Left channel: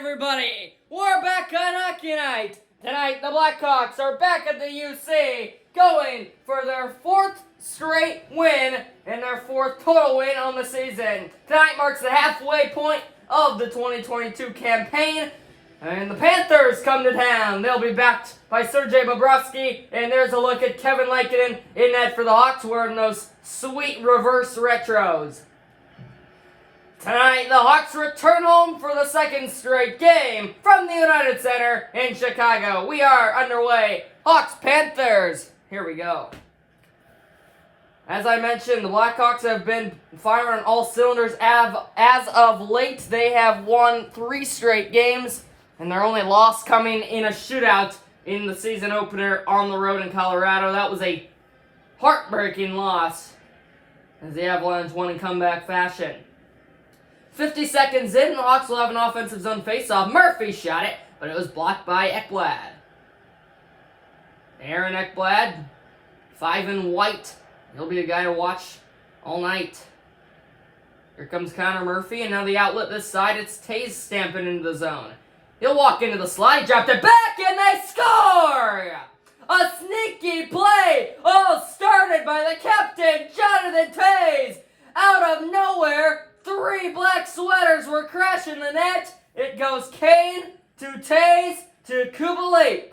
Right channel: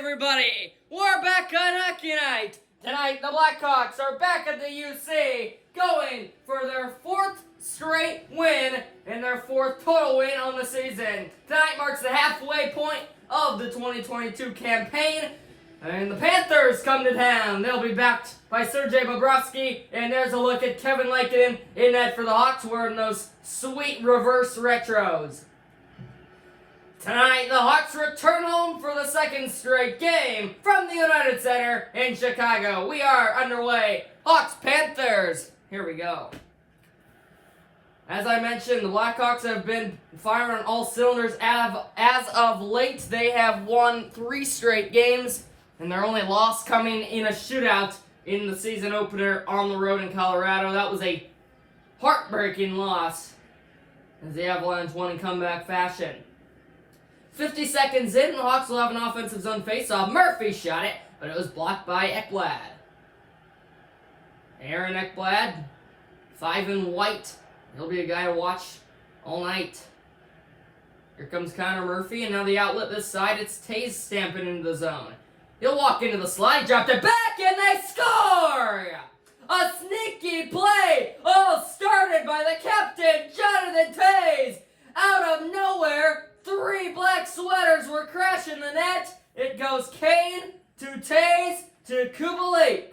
everybody! We're back on Hockey Night! Tonight, the Blackhawks are back at the UC, going for their fourth straight win and their fourth total win on the season. Tonight marks the halfway point of the 2022 campaign, and the Panthers come to town. They'll be backed by Sergei Bobrovsky, and there's a look at Kevin Lankinen in net for the Hawks wearing those sweet reverse retros. Tonight, the Hawks return home for the second straight game from the United Center in Chicago. We are underway. Hawks Panthers. Here we go. As I mentioned, the Blackhawks have been firing on all cylinders. As of late, they have won 3 straight games, and their only loss coming in a shootout in the season opener on the road in Colorado. That was a heartbreaking loss, as the Avalanche won in comeback fashion. 50 seconds in, the Hawks will have an offensive zone faceoff. Murphy shot it, but it was blocked by Ekblad. Aaron Ekblad, 5 in white. He'll be a guy to watch all night. Here comes Connor Murphy, and now the outlet this side, it's Taze stamping into the zone. He'll walk into the slide, dropped it back, and they score! A sneaky play, all started by the captain, Jonathan Taze. Out of nowhere, 3 black sweaters were crashing the net. It goes Kane to Taze to Kubalik.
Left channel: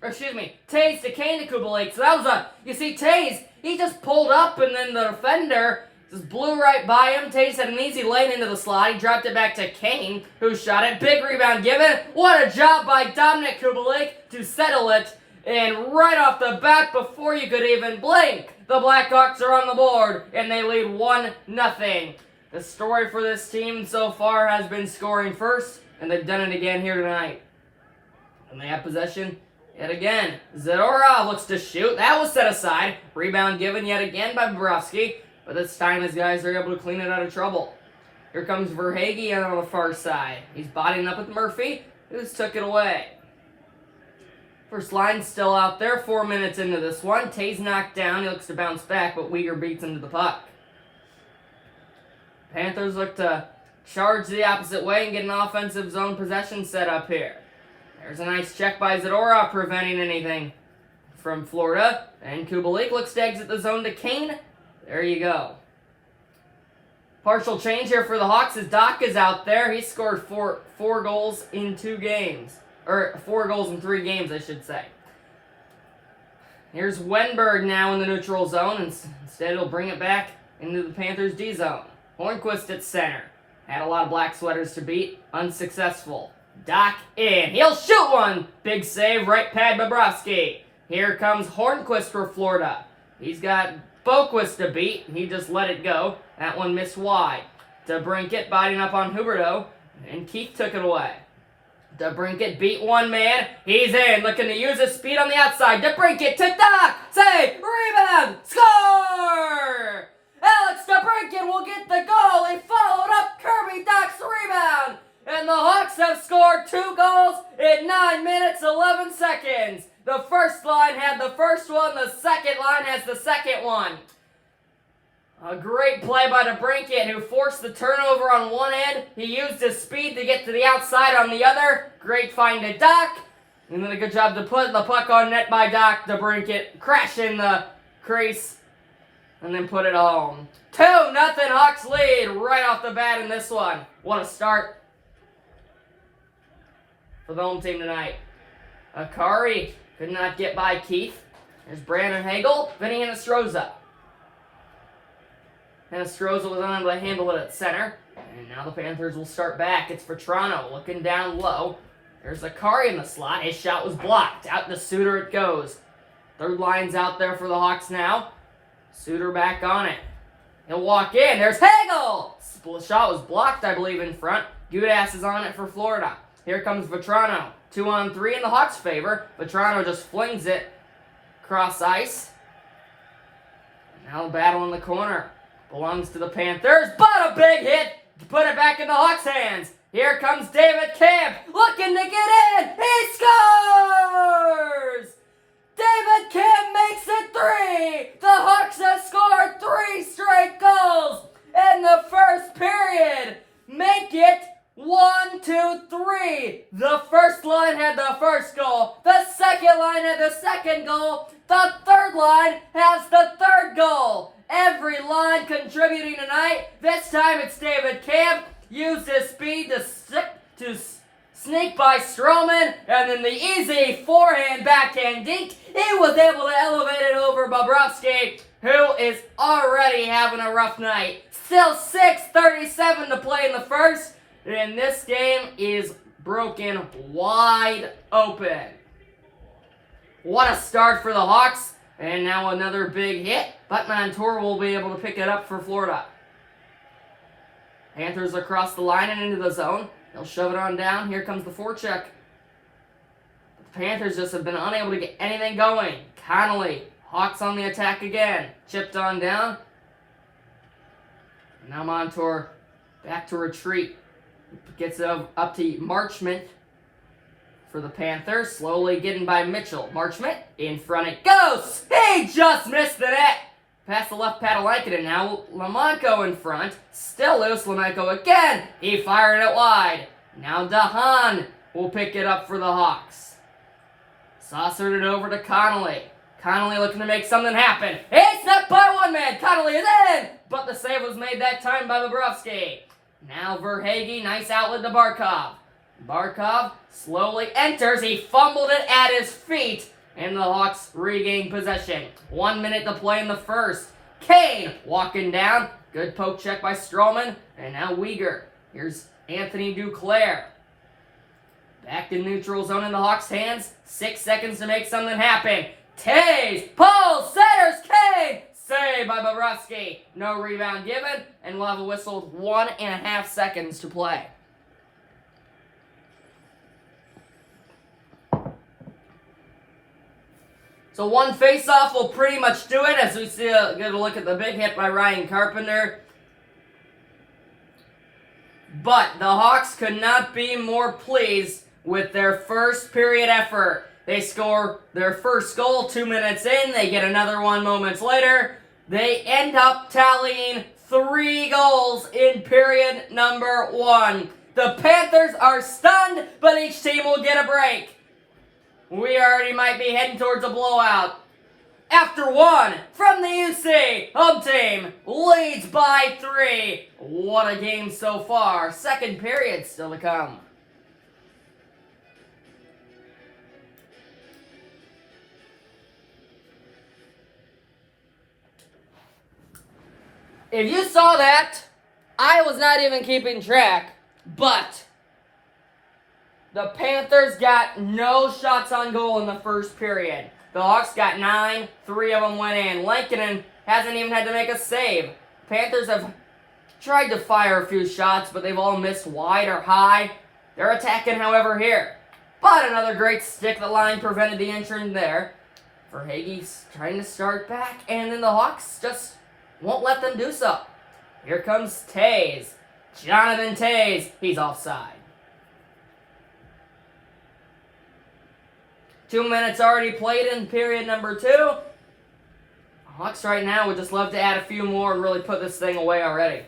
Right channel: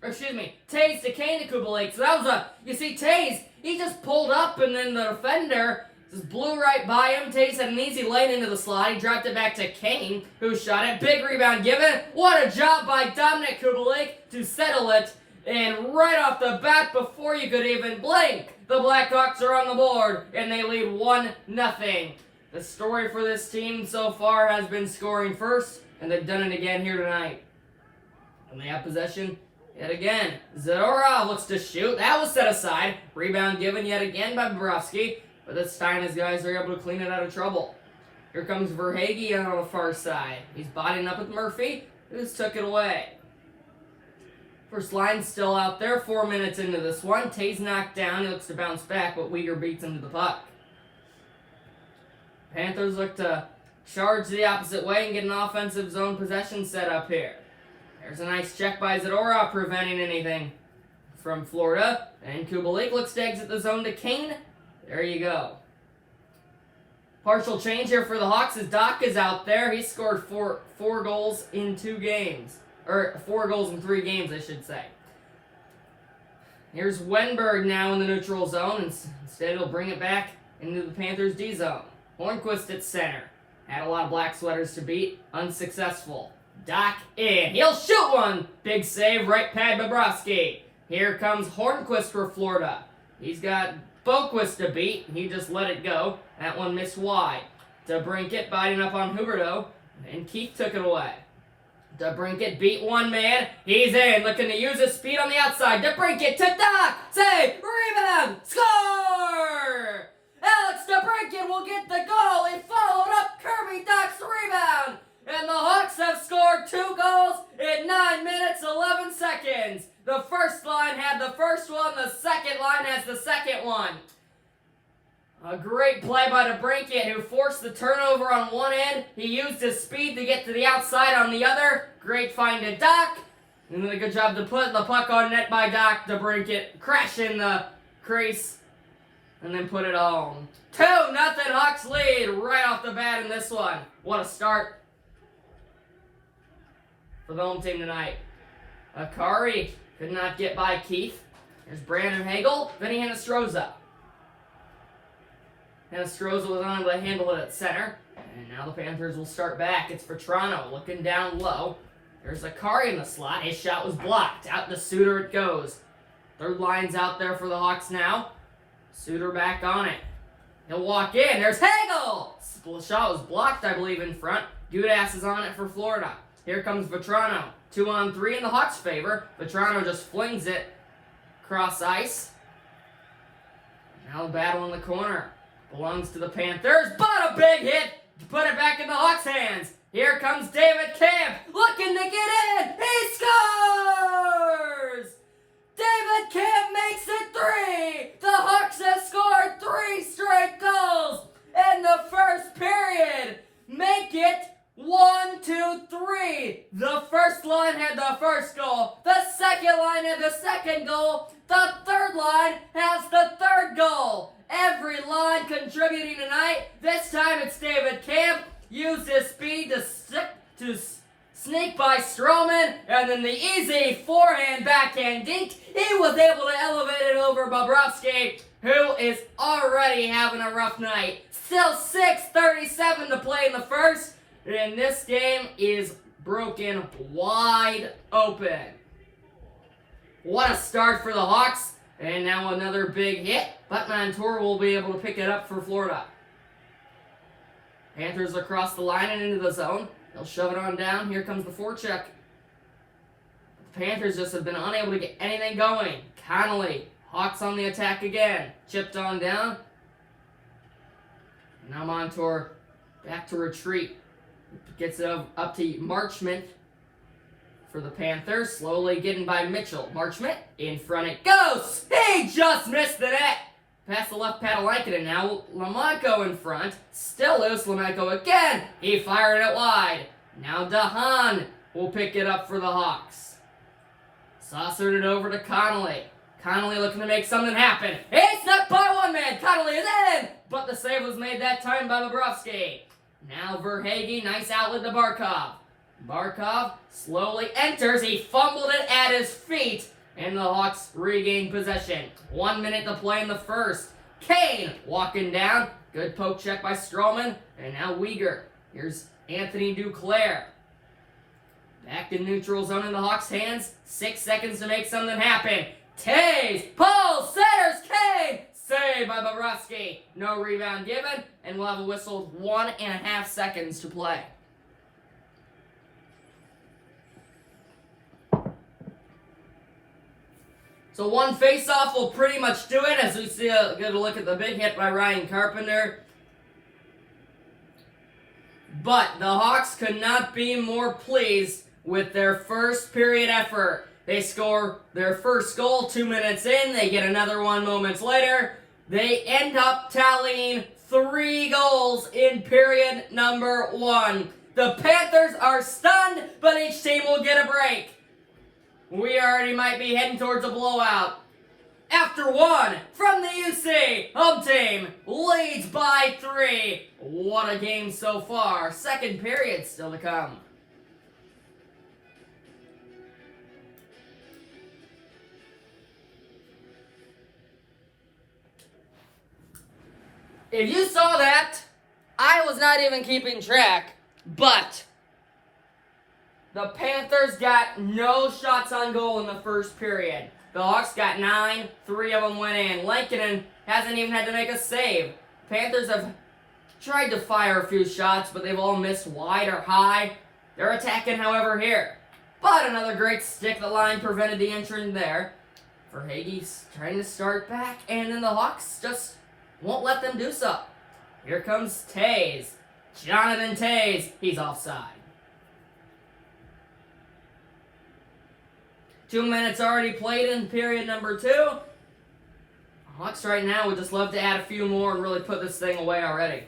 Or excuse me, Taze to Kane to Kubalik. So that was you see Taze, he just pulled up and then the defender just blew right by him. Taze had an easy lane into the slot. He dropped it back to Kane, who shot it. Big rebound given. What a job by Dominic Kubalik to settle it. And right off the bat, before you could even blink, the Blackhawks are on the board and they lead 1-0. The story for this team so far has been scoring first, and they've done it again here tonight. And they have possession yet again. Zadorov looks to shoot. That was set aside. Rebound given yet again by Bobrovsky, but this time his guys are able to clean it out of trouble. Here comes Verhaeghe on the far side. He's bodying up with Murphy, who just took it away. First line still out there, 4 minutes into this one. Taze knocked down. He looks to bounce back, but Weegar beats into the puck. Panthers look to charge the opposite way and get an offensive zone possession set up here. There's a nice check by Zadorov preventing anything from Florida. And Kubalik looks to exit the zone to Kane. There you go. Partial change here for the Hawks as Doc is out there. He scored four goals in 2 games. Or 4 goals in 3 games, I should say. Here's Wenberg now in the neutral zone. And instead, he'll bring it back into the Panthers' D zone. Hornquist at center. Had a lot of black sweaters to beat. Unsuccessful. Doc in. He'll shoot one. Big save. Right pad Bobrovsky. Here comes Hornquist for Florida. He's got Boquist to beat. He just let it go. That one missed wide. DeBrincat biting up on Huberdeau. And Keith took it away. DeBrincat beat one man. He's in. Looking to use his speed on the outside. DeBrincat to Doc. Save. Rebound. Score! Alex DeBrincat will get the goal. He followed up Kirby Doc's rebound. And the Hawks have scored 2 goals in 9 minutes, 11 seconds. The first line had the first one. The second line has the second one. A great play by DeBrincat, who forced the turnover on one end. He used his speed to get to the outside on the other. Great find to Doc. And then a good job to put the puck on net by Doc. DeBrincat crashing the crease. And then put it home. 2-0 Hawks lead right off the bat in this one. What a start for the home team tonight. Akari could not get by Keith. There's Brandon Hagel, Vinny Hinostroza. Hinostroza was unable to handle it at center. And now the Panthers will start back. It's Vetrano looking down low. There's Akari in the slot. His shot was blocked. Out to Suter it goes. Third line's out there for the Hawks now. Suter back on it. He'll walk in. There's Hagel! The shot was blocked, I believe, in front. Gudas is on it for Florida. Here comes Vetrano. 2-on-3 in the Hawks' favor. Vetrano just flings it across ice. Now the battle in the corner belongs to the Panthers, but a big hit to put it back in the Hawks' hands. Here comes David Camp looking to get in. He scores! David Camp makes it 3. The Hawks have scored 3 straight goals in the first period. Make it 1, 2, 3. The first line had the first goal. The second line had the second goal. The third line has the third goal. Every line contributing tonight. This time it's David Camp. Used his speed to sneak by Stroman, and then the easy forehand backhand dink. He was able to elevate it over Bobrovsky, who is already having a rough night. Still 6:37 to play in the first, and this game is broken wide open. What a start for the Hawks, and now another big hit, but Montour will be able to pick it up for Florida. Panthers across the line and into the zone. They'll shove it on down. Here comes the forecheck. The Panthers just have been unable to get anything going. Connolly, Hawks on the attack again. Chipped on down. Now Montour back to retreat. Gets it up to Marchment for the Panthers. Slowly getting by Mitchell. Marchment, in front it goes! He just missed the net! Past the left pad of Lankinen now. Lamonko in front. Still loose. Lamonko again. He fired it wide. Now Dahan will pick it up for the Hawks. Saucered it over to Connolly. Connolly looking to make something happen. It's not by one man. Connolly is in. But the save was made that time by Bobrovsky. Now Verhaeghe. Nice outlet to Barkov. Barkov slowly enters. He fumbled it at his feet. And the Hawks regain possession. 1 minute to play in the first. Kane walking down. Good poke check by Stroman. And now Weegar. Here's Anthony Duclair. Back to neutral zone in the Hawks' hands. 6 seconds to make something happen. Taves. Paul centers. Kane. Saved by Bobrovsky. No rebound given. And we'll have a whistle with 1.5 seconds to play. So one face-off will pretty much do it, as we see get a look at the big hit by Ryan Carpenter. But the Hawks could not be more pleased with their first period effort. They score their first goal 2 minutes in. They get another one moments later. They end up tallying 3 goals in period number 1. The Panthers are stunned, but each team will get a break. We already might be heading towards a blowout. After 1 from the UC, home team leads by 3. What a game so far. Second period still to come. If you saw that, I was not even keeping track, but the Panthers got no shots on goal in the first period. The Hawks got 9, 3 of them went in. Lankinen hasn't even had to make a save. Panthers have tried to fire a few shots, but they've all missed wide or high. They're attacking, however, here. But another great stick the line prevented the entry there. Verhaeghe's trying to start back, and then the Hawks just won't let them do so. Here comes Taves. Jonathan Taves. He's offside. 2 minutes already played in period number 2. Hawks right now would just love to add a few more and really put this thing away already.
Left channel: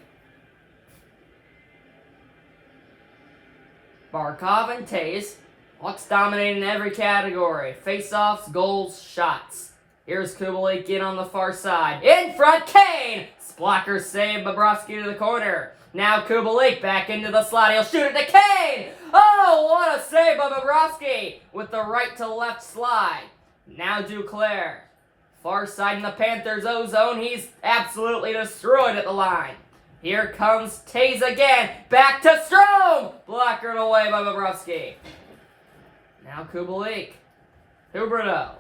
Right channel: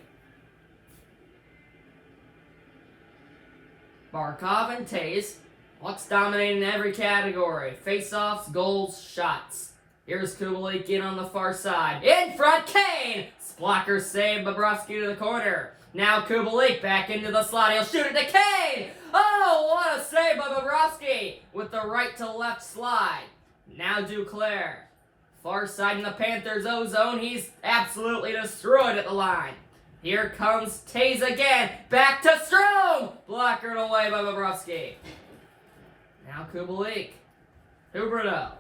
Barkov and Taves. Hawks dominating every category. Face-offs, goals, shots. Here's Kubalik in on the far side. In front, Kane! Blocker save, Bobrovsky to the corner. Now Kubalik back into the slot. He'll shoot it to Kane! Oh, what a save by Bobrovsky with the right to left slide. Now Duclair. Far side in the Panthers' O-zone. He's absolutely destroyed at the line. Here comes Taves again. Back to Strome! Blockered away by Bobrovsky. Now Kubalik. Huberdeau.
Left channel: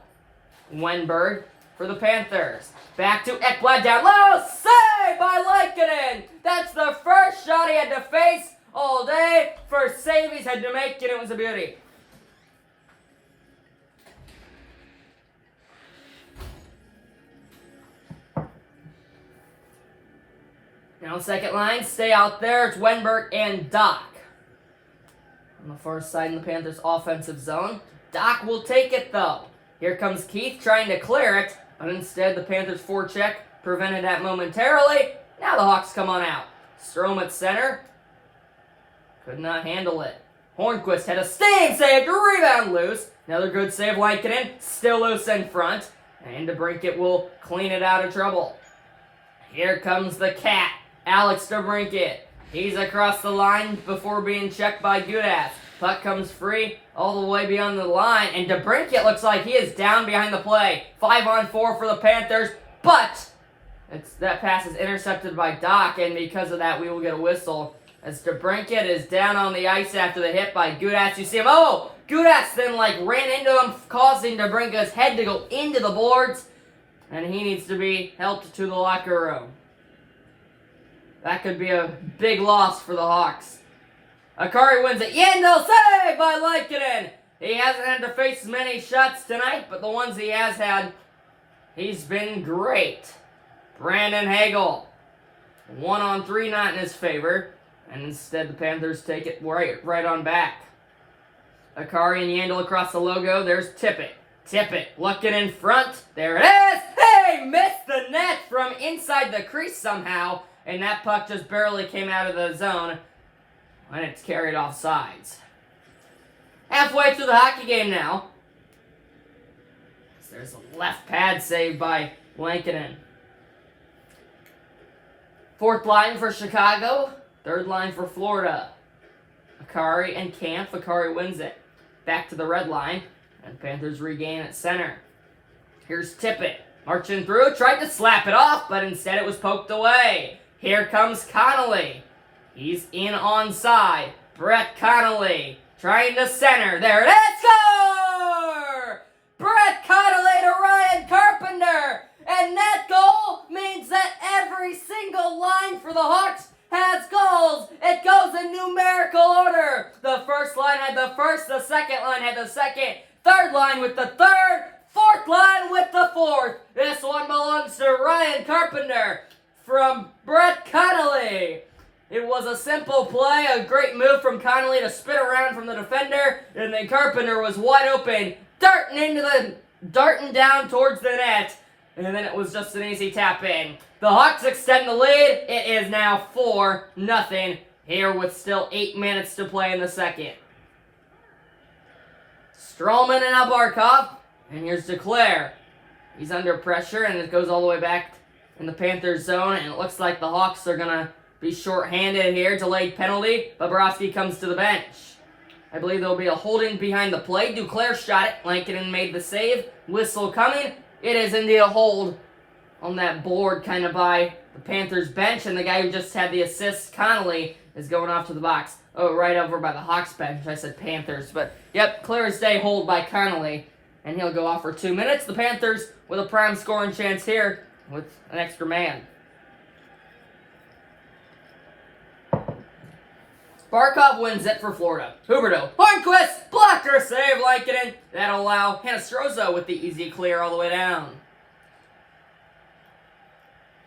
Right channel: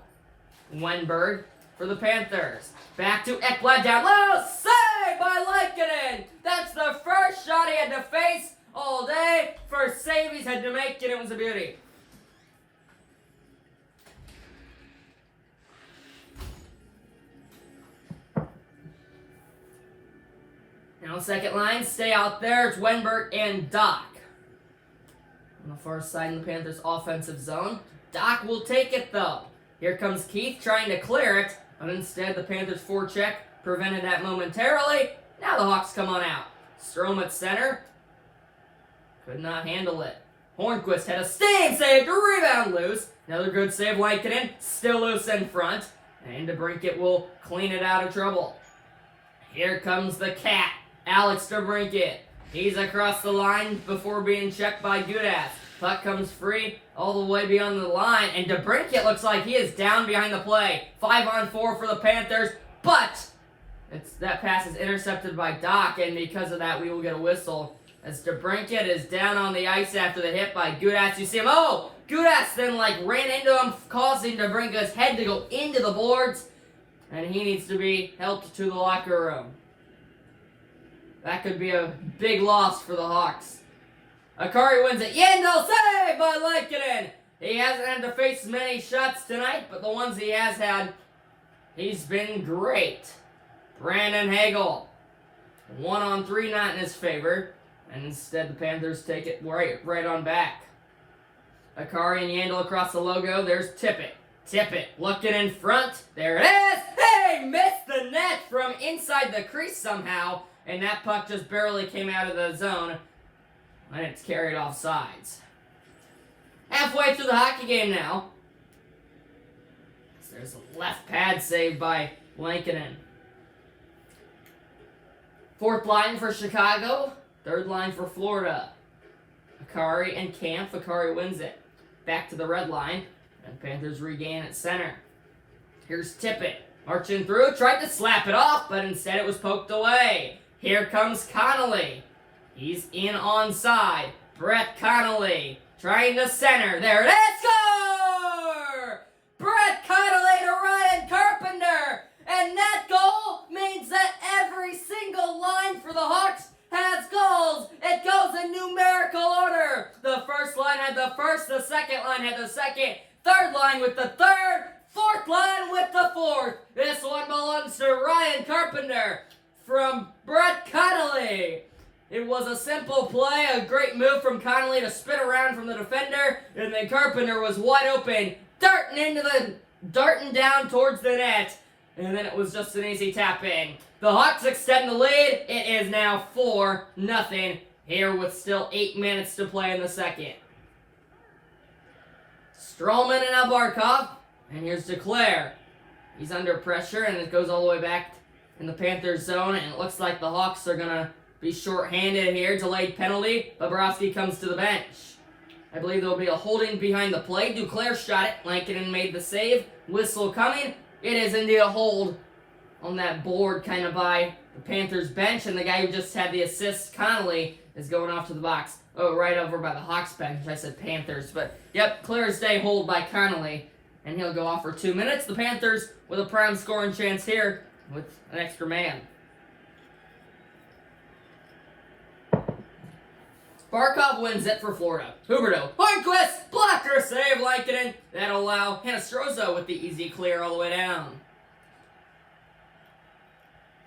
Wenberg for the Panthers. Back to Ekblad down low. Save by Lankinen. That's the first shot he had to face all day. First save he's had to make, and it was a beauty. Now second line, stay out there. It's Wenberg and Doc. On the far side in the Panthers' offensive zone. Doc will take it though. Here comes Keith trying to clear it, but instead the Panthers' forecheck prevented that momentarily. Now the Hawks come on out. Strome at center. Could not handle it. Hornquist had a sting save to rebound loose. Another good save, Lankinen, still loose in front. And DeBrincat will clean it out of trouble. Here comes the cat, Alex DeBrincat. He's across the line before being checked by Gudas. Puck comes free all the way beyond the line, and DeBrincat looks like he is down behind the play. 5-on-4 for the Panthers, but that pass is intercepted by Doc, and because of that, we will get a whistle as DeBrincat is down on the ice after the hit by Gudas. You see him, Gudas then ran into him, causing DeBrincat's head to go into the boards, and he needs to be helped to the locker room. That could be a big loss for the Hawks. Akari wins it. Yandel save by Lankinen. He hasn't had to face many shots tonight, but the ones he has had, he's been great. Brandon Hagel, 1-on-3 not in his favor, and instead the Panthers take it right on back. Akari and Yandel across the logo. There's Tippett. Tippett looking in front. There it is. Hey, missed the net from inside the crease somehow, and that puck just barely came out of the zone, and it's carried off sides. Halfway through the hockey game now. There's a left pad save by Lankinen. Fourth line for Chicago. Third line for Florida. Akari and Camp. Akari wins it. Back to the red line. And Panthers regain at center. Here's Tippett. Marching through. Tried to slap it off, but instead it was poked away. Here comes Connolly. He's in onside. Brett Connolly trying to center. There it is. Score! Brett Connolly to Ryan Carpenter. And that goal means that every single line for the Hawks has goals. It goes in numerical order. The first line had the first. The second line had the second. Third line with the third. Fourth line with the fourth. This one belongs to Ryan Carpenter from Brett Connolly. It was a simple play, a great move from Connolly to spin around from the defender, and then Carpenter was wide open, darting down towards the net, and then it was just an easy tap in. The Hawks extend the lead. It is now 4-0 here with still 8 minutes to play in the second. Stroman and Albarkov, and here's DeClaire. He's under pressure, and it goes all the way back in the Panthers zone, and it looks like the Hawks are going to be short-handed here. Delayed penalty. Bobrovsky comes to the bench. I believe there will be a holding behind the play. Duclair shot it. Lankinen made the save. Whistle coming. It is indeed a hold on that board kind of by the Panthers bench, and the guy who just had the assist, Connolly, is going off to the box. Oh, right over by the Hawks bench. I said Panthers, but yep, clear as day hold by Connolly, and he'll go off for 2 minutes. The Panthers with a prime scoring chance here with an extra man. Barkov wins it for Florida. Huberdeau. Hornquist! Blocker save, Lankinen. That'll allow Hinostroza with the easy clear all the way down.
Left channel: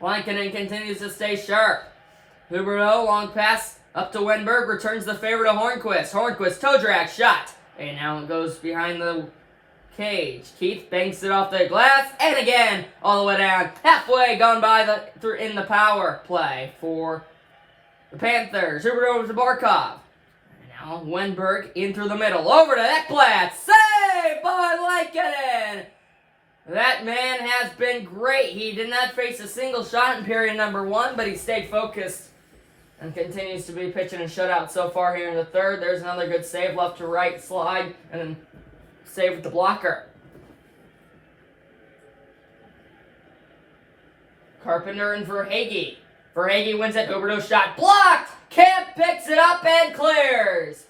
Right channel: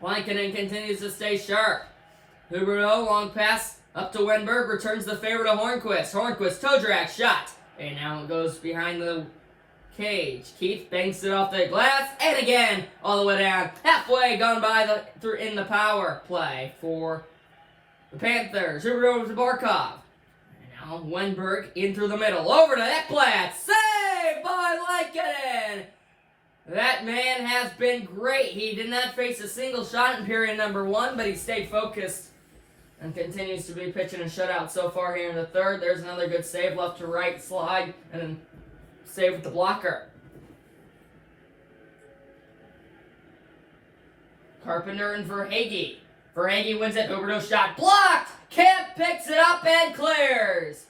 Lankinen continues to stay sharp. Huberdeau, long pass up to Wenberg, returns the favor to Hornquist. Hornquist, toe drag, shot. And now it goes behind the cage. Keith banks it off the glass, and again, all the way down. Halfway gone by in the power play for the Panthers. Huberdeau to Barkov. Now Wenberg in through the middle. Over to Ekblad. Saved by Lankinen. That man has been great. He did not face a single shot in period number 1, but he stayed focused and continues to be pitching a shutout so far here in the third. There's another good save, left to right slide, and then save with the blocker. Carpenter and Verhaeghe. Verhaeghe wins it. Huberdeau shot blocked. Camp picks it up and clears.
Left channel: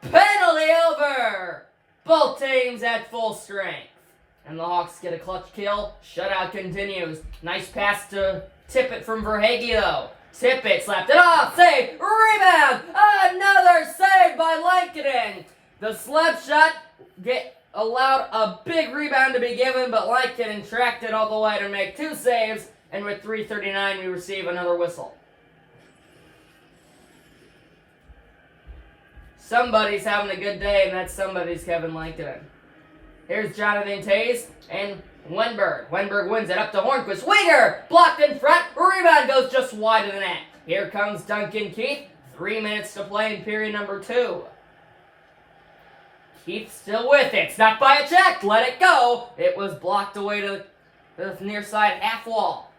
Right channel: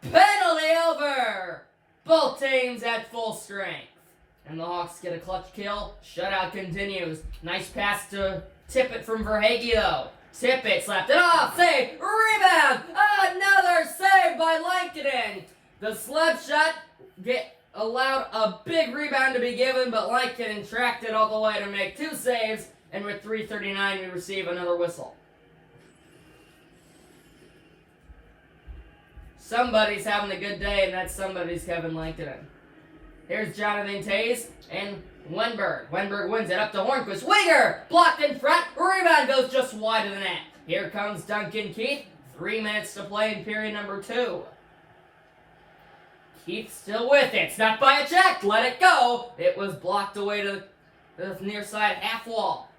Penalty over. Both teams at full strength. And the Hawks get a clutch kill. Shutout continues. Nice pass to Tippett from Verhaeghe though. Tippett slapped it off. Save. Rebound. Another save by Lankinen. The slap shot allowed a big rebound to be given, but Lankinen tracked it all the way to make 2 saves. And with 3:39, we receive another whistle. Somebody's having a good day, and that somebody's Kevin Lankinen. Here's Jonathan Toews and Wenberg. Wenberg wins it up to Hornquist. Winger! Blocked in front. Rebound goes just wide of the net. Here comes Duncan Keith. 3 minutes to play in period number 2. Keith still with it. Snuck by a check. Let it go. It was blocked away to the near side half wall.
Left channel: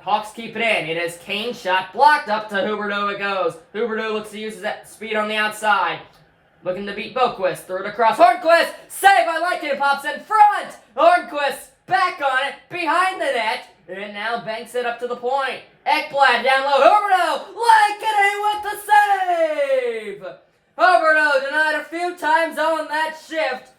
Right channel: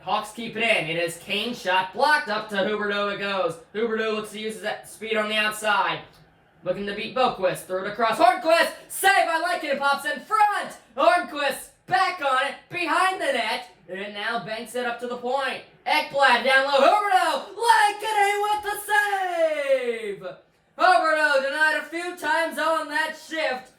Hawks keep it in. It is Kane's shot blocked. Up to Huberdeau it goes. Huberdeau looks to use that speed on the outside. Looking to beat Boquist. Throw it across. Hornquist. Save. I like it. Pops in front. Hornquist back on it. Behind the net. And now banks it up to the point. Ekblad down low. Huberdeau. Like it in with the save. Huberdeau denied a few times on that shift.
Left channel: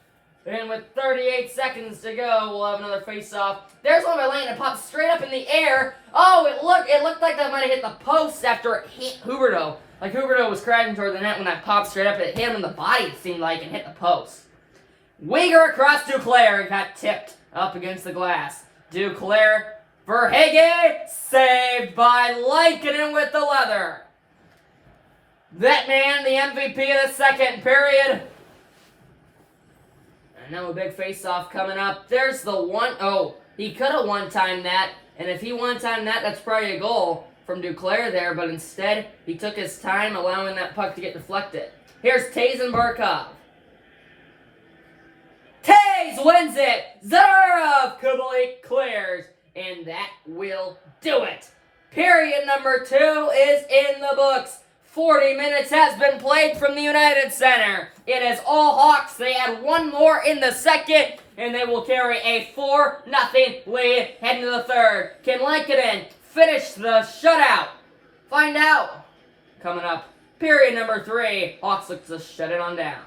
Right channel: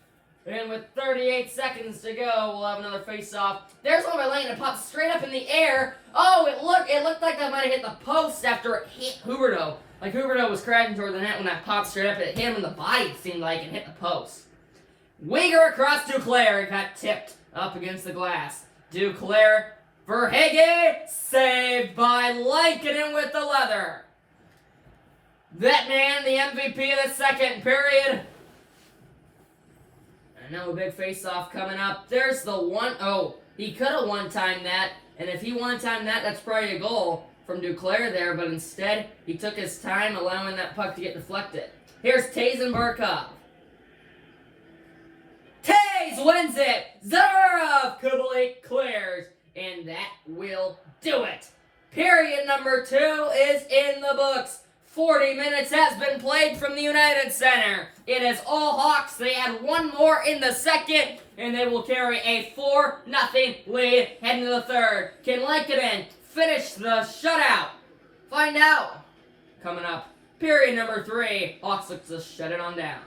And with 38 seconds to go, we'll have another face-off. There's one by Lane that pops straight up in the air. Oh, it looked like that might have hit the post after it hit Huberdeau. Like Huberdeau was crashing toward the net when that popped straight up. It hit him in the body, it seemed like, and hit the post. Weegar across Duclair. It got tipped up against the glass. Duclair for Higgy. Saved by Lankinen with the leather. That man, the MVP of the second period. And now a big face-off coming up. There's the one. Oh, he could have one-timed that. And if he one-timed that, that's probably a goal from Duclair there. But instead, he took his time, allowing that puck to get deflected. Here's Tays and Barkov. Tays wins it. Zarov Kubalik clears. And that will do it. Period number 2 is in the books. 40 minutes has been played from the United Center. It is all Hawks. They add one more in the second, and they will carry a 4-0 lead heading to the third. Can Lankinen finish the shutout? Find out. Coming up, period number 3. Hawks look to shut it on down.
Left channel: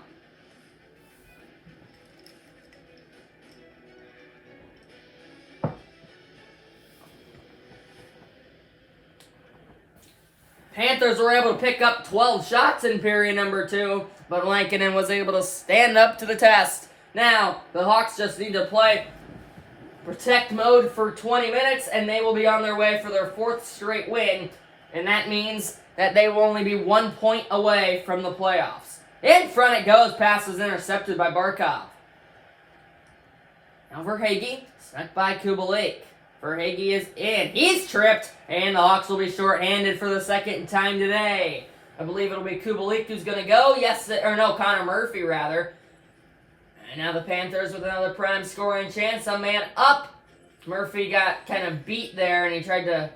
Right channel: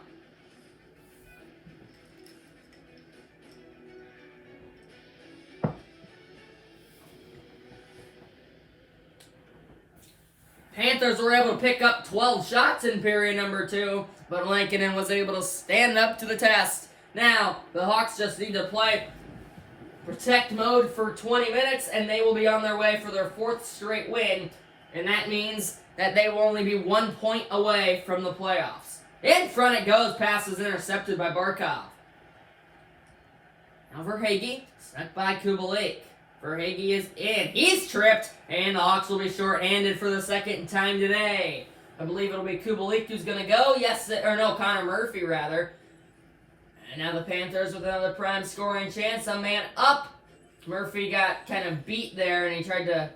Panthers were able to pick up 12 shots in period number 2, but Lankinen was able to stand up to the test. Now, the Hawks just need to play protect mode for 20 minutes, and they will be on their way for their 4th straight win, and that means that they will only be 1 point away from the playoffs. In front it goes, pass is intercepted by Barkov. Now Verhaeghe, sent by Kubalik. Verhaeghe is in. He's tripped, and the Hawks will be shorthanded for the second time today. I believe it'll be Kubalik who's going to go. Connor Murphy, rather. And now the Panthers with another prime scoring chance. A man up. Murphy got kind of beat there, and he tried to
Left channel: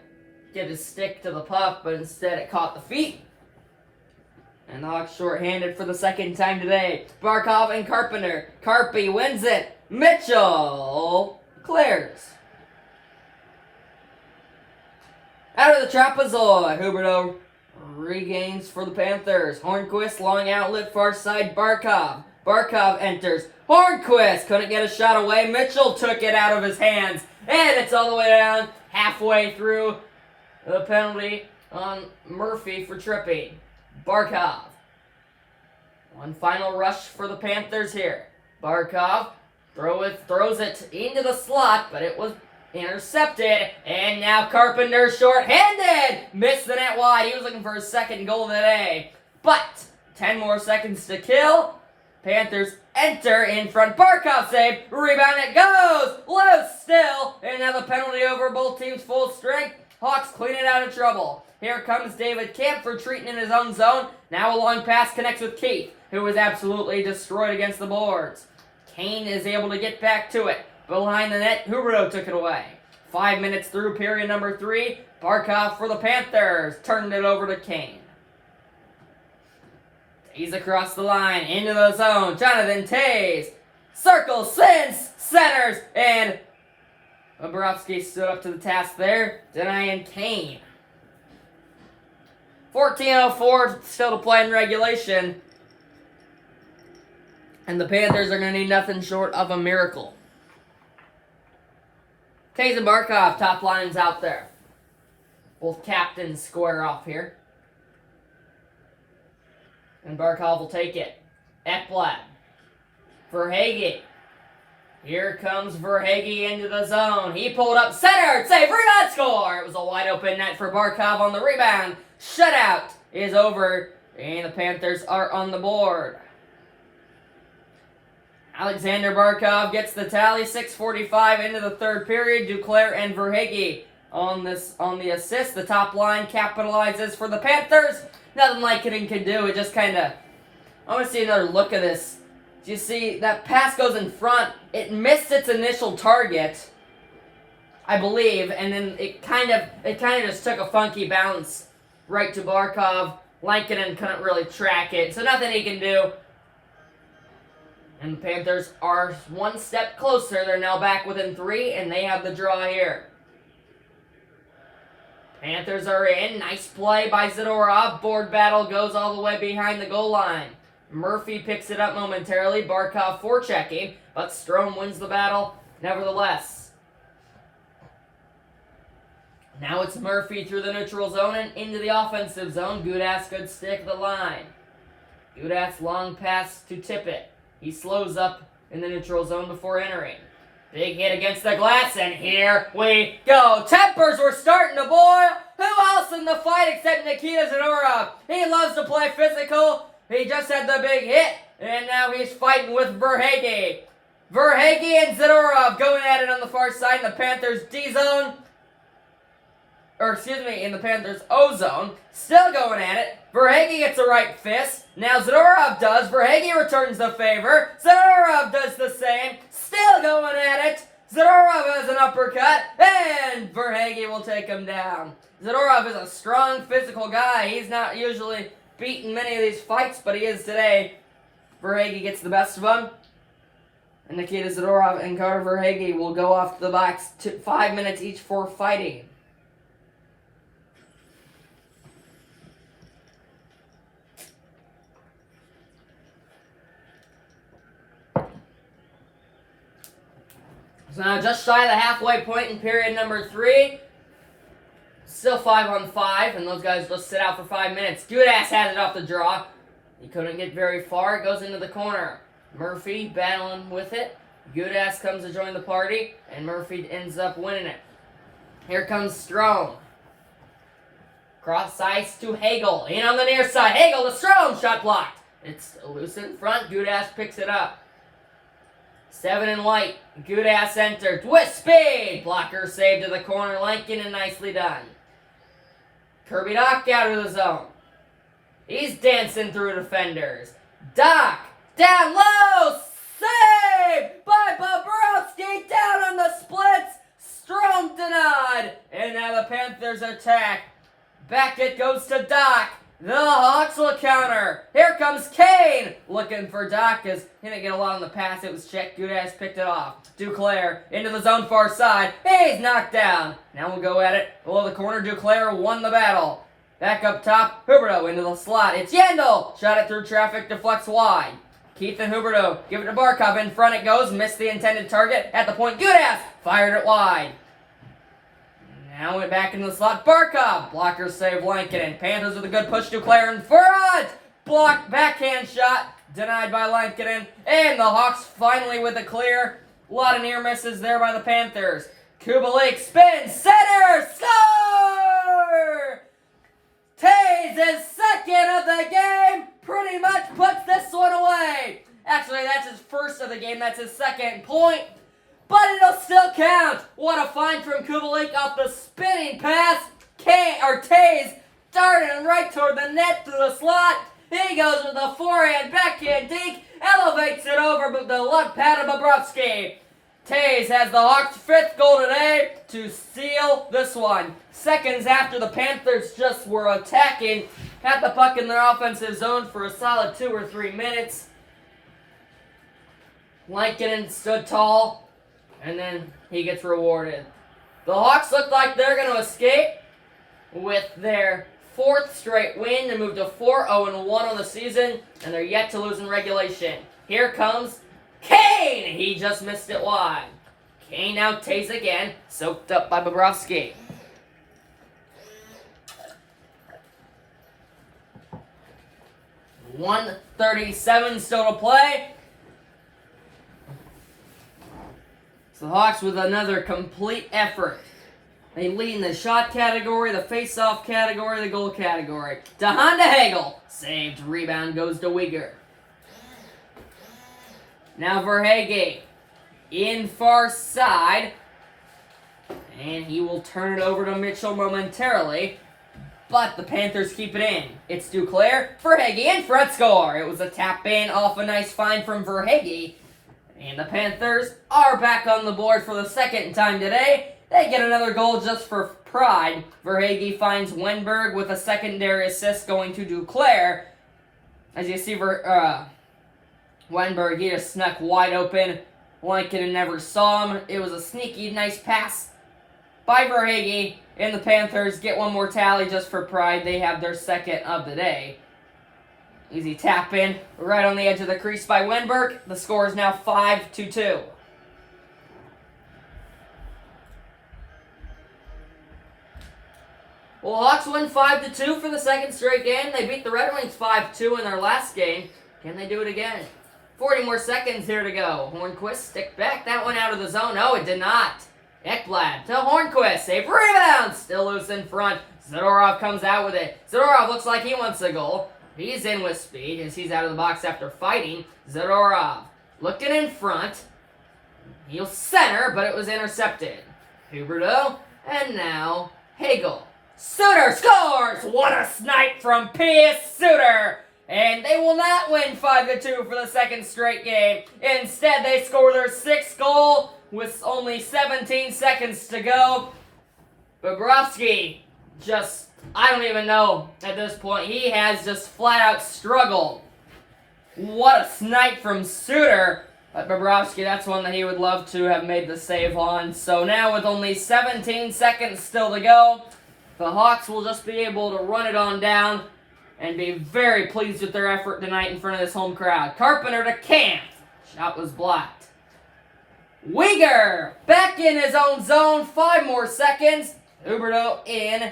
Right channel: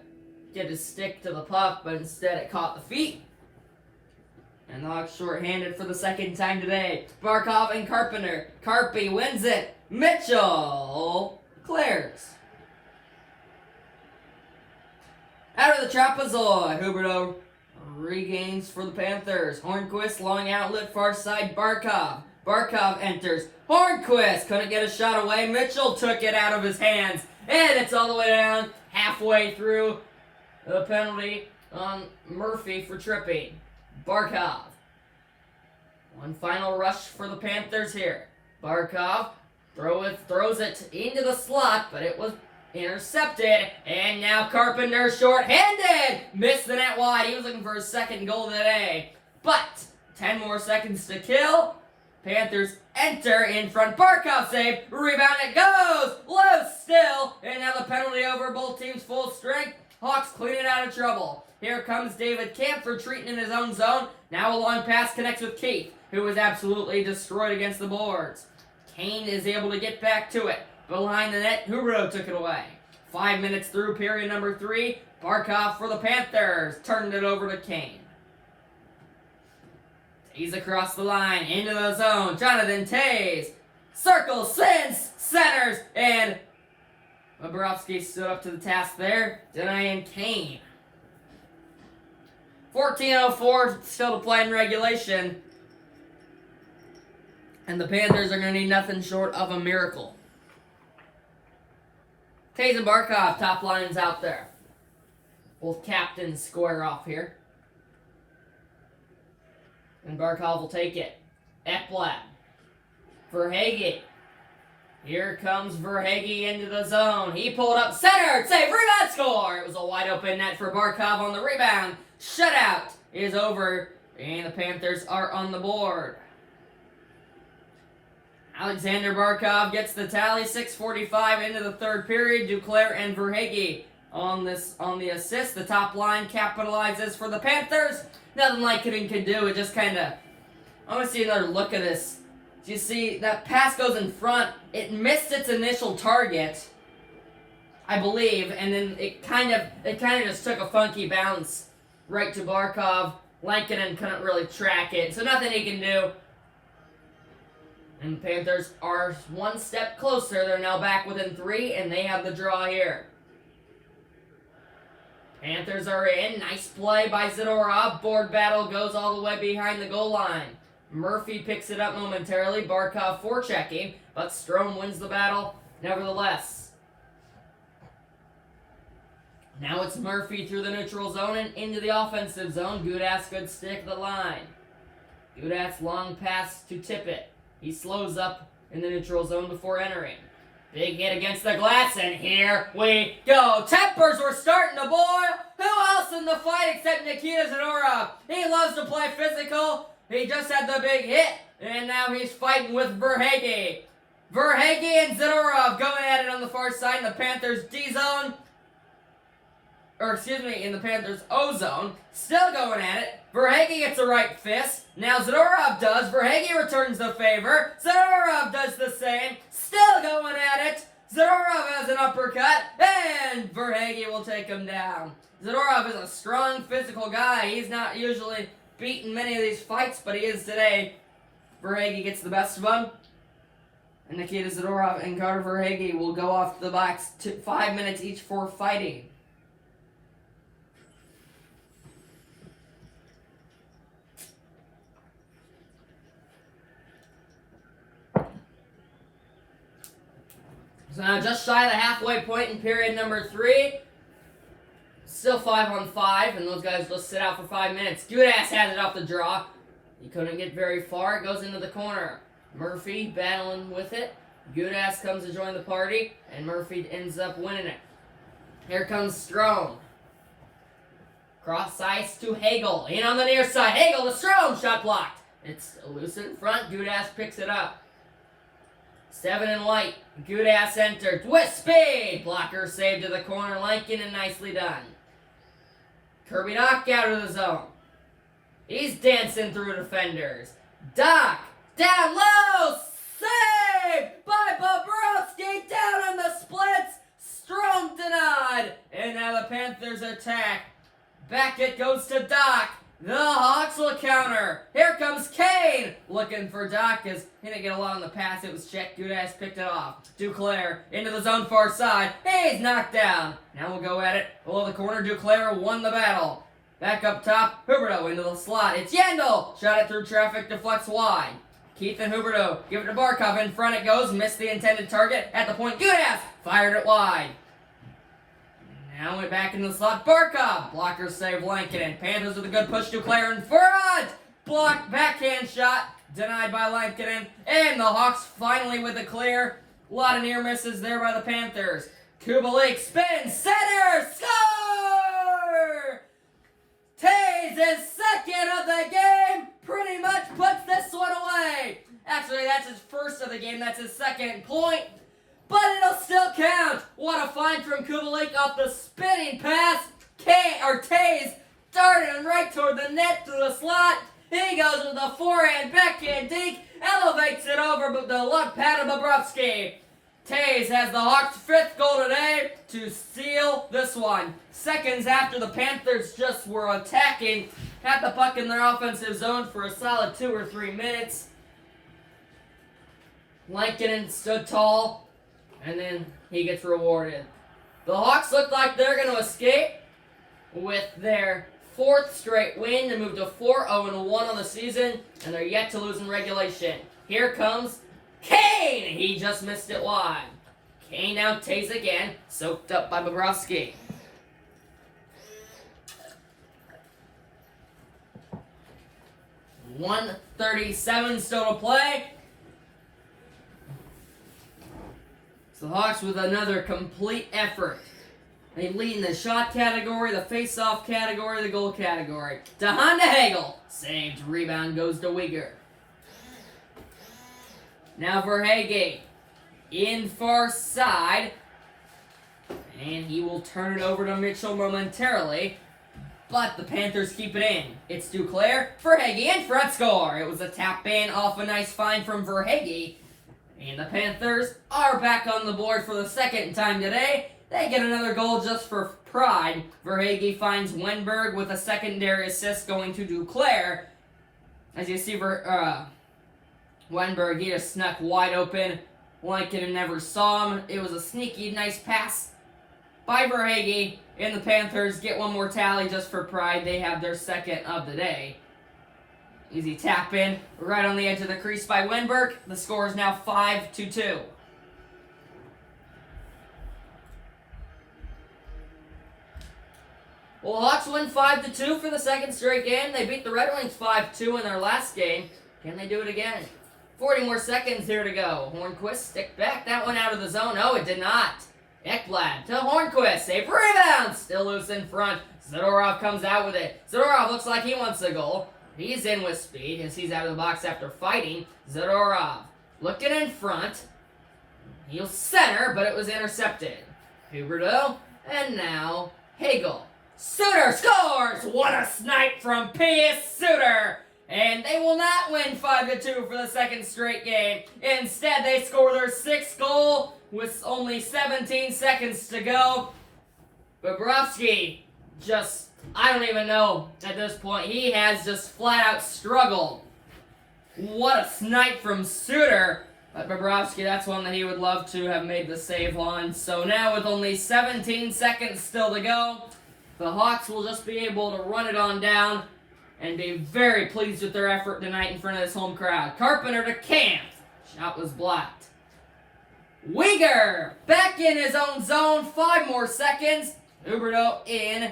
get his stick to the puck, but instead it caught the feet. And the Hawks shorthanded for the second time today. Barkov and Carpenter. Carpy wins it. Mitchell clears. Out of the trapezoid, Huberdeau regains for the Panthers. Hornquist, long outlet, far side, Barkov. Barkov enters. Hornquist couldn't get a shot away. Mitchell took it out of his hands. And it's all the way down, halfway through the penalty on Murphy for tripping. Barkov. One final rush for the Panthers here. Barkov throws it into the slot, but it was intercepted, and now Carpenter short-handed. Missed the net wide. He was looking for his second goal today. But 10 more seconds to kill. Panthers enter in front. Barkov save. Rebound it goes. Loose still. And now the penalty over both teams full strength. Hawks clean it out of trouble. Here comes David Kemp retreating in his own zone. Now a long pass connects with Keith, who was absolutely destroyed against the boards. Kane is able to get back to it. Behind the net, Huberdeau took it away. 5 minutes through period number 3. Barkov for the Panthers. Turned it over to Kane. Tays across the line, into the zone. Jonathan Tays. Circles, sends, centers, and Bobrovsky stood up to the task there, denying Kane. 14:04 still to play in regulation. And the Panthers are going to need nothing short of a miracle. Tays and Barkov, top lines out there. Both captains square off here. And Barkov will take it. Ekblad. Verhaeghe. Here comes Verhaeghe into the zone. He pulled up, centered, save, rebound, score! It was a wide open net for Barkov on the rebound. Shutout is over, and the Panthers are on the board. Alexander Barkov gets the tally, 6:45 into the third period. Duclair and Verhaeghe on the assist. The top line capitalizes for the Panthers. nothing Lankinen can do. It just kind of... I want to see another look at this. Do you see that pass goes in front? It missed its initial target, I believe, and then it kind of just took a funky bounce right to Barkov. Lankinen couldn't really track it, so nothing he can do. And the Panthers are one step closer. They're now back within 3, and they have the draw here. Panthers are in. Nice play by Zadorov. Board battle goes all the way behind the goal line. Murphy picks it up momentarily. Barkov forechecking, but Strome wins the battle nevertheless. Now it's Murphy through the neutral zone and into the offensive zone. Gudas good stick at the line. Gudas long pass to Tippett. He slows up in the neutral zone before entering. Big hit against the glass, and here we go. Tempers were starting to boil. Who else in the fight except Nikita Zadorov? He loves to play physical. He just had the big hit, and now he's fighting with Verhaeghe. Verhaeghe and Zadorov going at it on the far side in the Panthers D-zone. In the Panthers O-zone. Still going at it. Verhaeghe gets a right fist. Now Zadorov does. Verhaeghe returns the favor. Zadorov does the same. Still going at it. Zadorov has an uppercut, and Verhaeghe will take him down. Zadorov is a strong, physical guy. He's not usually beaten many of these fights, but he is today. Verhaeghe gets the best of him. And Nikita Zadorov and Carter Verhaeghe will go off the box 5 minutes each for fighting. So now just shy of the halfway point in period number 3. Still 5-on-5, and those guys just sit out for 5 minutes. Gudas has it off the draw. He couldn't get very far. It goes into the corner. Murphy battling with it. Gudas comes to join the party, and Murphy ends up winning it. Here comes Strome. Cross ice to Hagel. In on the near side. Hagel to Strome. Shot blocked. It's loose in front. Gudas picks it up. 7 in white. Gudas entered with speed. Blocker saved to the corner. Lankinen nicely done. Kirby Dach out of the zone. He's dancing through defenders. Dach down low. Saved by Bobrovsky. Down on the splits. Strome denied. And now the Panthers attack. Back it goes to Dach. The Hawks will counter. Here comes Kane. Looking for Dach as he didn't get along the pass. It was checked. Gudas picked it off. Duclair into the zone far side. He's knocked down. Now we'll go at it. Below the corner, Duclair won the battle. Back up top, Huberdeau into the slot. It's Yandel. Shot it through traffic, deflects wide. Keith and Huberdeau give it to Barkov. In front it goes. Missed the intended target. At the point, Gudas fired it wide. Now went back into the slot. Barkov. Blocker save Lankinen. Panthers with a good push. Duclair in front. Blocked backhand shot. Denied by Lankinen. And the Hawks finally with a clear. A lot of near misses there by the Panthers. Kubalik spins. Center. Score! Taves is second of the game. Pretty much puts this one away. Actually, that's his first of the game. That's his second point. But it'll still count. What a find from Kubalik off the spinning pass. Taves darting right toward the net through the slot. He goes with a forehand, backhand dink, elevates it over but the left pad of Bobrovsky. Taves has the Hawks' 5th goal today to seal this one. Seconds after the Panthers just were attacking, had the puck in their offensive zone for a solid 2 or 3 minutes. Lankinen stood tall. And then he gets rewarded. The Hawks look like they're going to escape with their 4th straight win to move to 4-0-1 on the season, and they're yet to lose in regulation. Here comes Kane! He just missed it wide. Kane now takes again, soaked up by Bobrovsky. .137 still to play. The Hawks with another complete effort. They lead in the shot category, the face-off category, the goal category. DeHaan to Hagel. Saved. Rebound goes to Uyghur. Now Verhaeghe. In far side. And he will turn it over to Mitchell momentarily. but the Panthers keep it in. It's Duclair. Verhaeghe in front, score. It was a tap in off a nice find from Verhaeghe. And the Panthers are back on the board for the second time today. They get another goal just for pride. Verhaeghe finds Wenberg with a secondary assist going to Duclair. As you see, Wenberg, he just snuck wide open. Lankinen never saw him. It was a sneaky, nice pass by Verhaeghe. And the Panthers get one more tally just for pride. They have their second of the day. Easy tap in right on the edge of the crease by Wenberg. The score is now 5-2. Well, Hawks win 5-2 for the second straight game. They beat the Red Wings 5-2 in their last game. Can they do it again? 40 more seconds here to go. Hornquist stick back that one out of the zone. No, it did not. Ekblad to Hornquist. Safe rebound. Still loose in front. Zadorov comes out with it. Zadorov looks like he wants a goal. He's in with speed as he's out of the box after fighting. Zadorov looking in front. He'll center, but it was intercepted. Huberdeau, and now Hagel. Suter scores! What a snipe from Pius Suter! And they will not win 5-2 for the second straight game. Instead, they score their sixth goal with only 17 seconds to go. Bobrovsky just, I don't even know at this point. He has just flat out struggled. What a snipe from Suter. But Bobrovsky, that's one that he would love to have made the save on. So now with only 17 seconds still to go, the Hawks will just be able to run it on down and be very pleased with their effort tonight in front of this home crowd. Carpenter to Camp. Shot was blocked. Uyghur back in his own zone. 5 more seconds. Huberdeau in.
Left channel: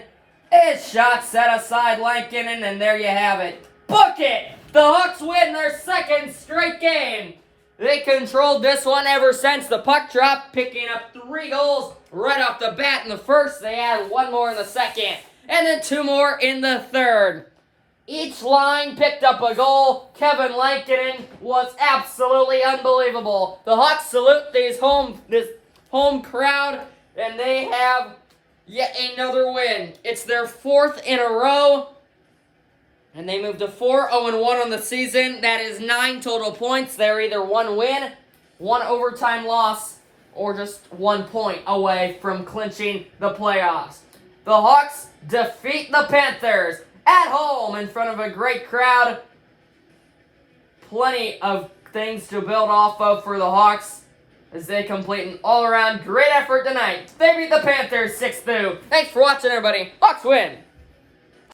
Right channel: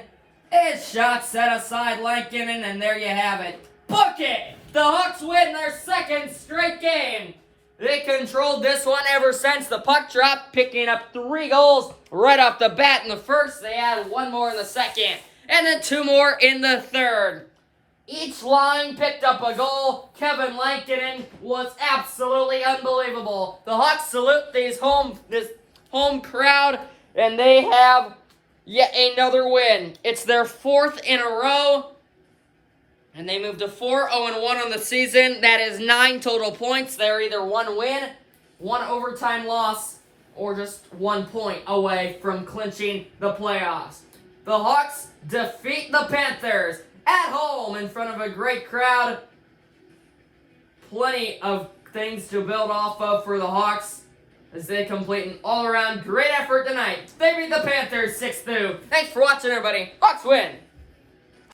His shot set aside Lankinen, and there you have it. Book it! The Hawks win their second straight game. They controlled this one ever since the puck drop, picking up 3 goals right off the bat in the first. They had 1 more in the second, and then 2 more in the third. Each line picked up a goal. Kevin Lankinen was absolutely unbelievable. The Hawks salute this home crowd, and they have yet another win. It's their 4th in a row. And they moved to 4-0-1 on the season. That is 9 total points. They're either 1 win, 1 overtime loss, or just 1 point away from clinching the playoffs. The Hawks defeat the Panthers at home in front of a great crowd. Plenty of things to build off of for the Hawks as they complete an all-around great effort tonight. They beat the Panthers 6-2. Thanks for watching, everybody. Hawks win!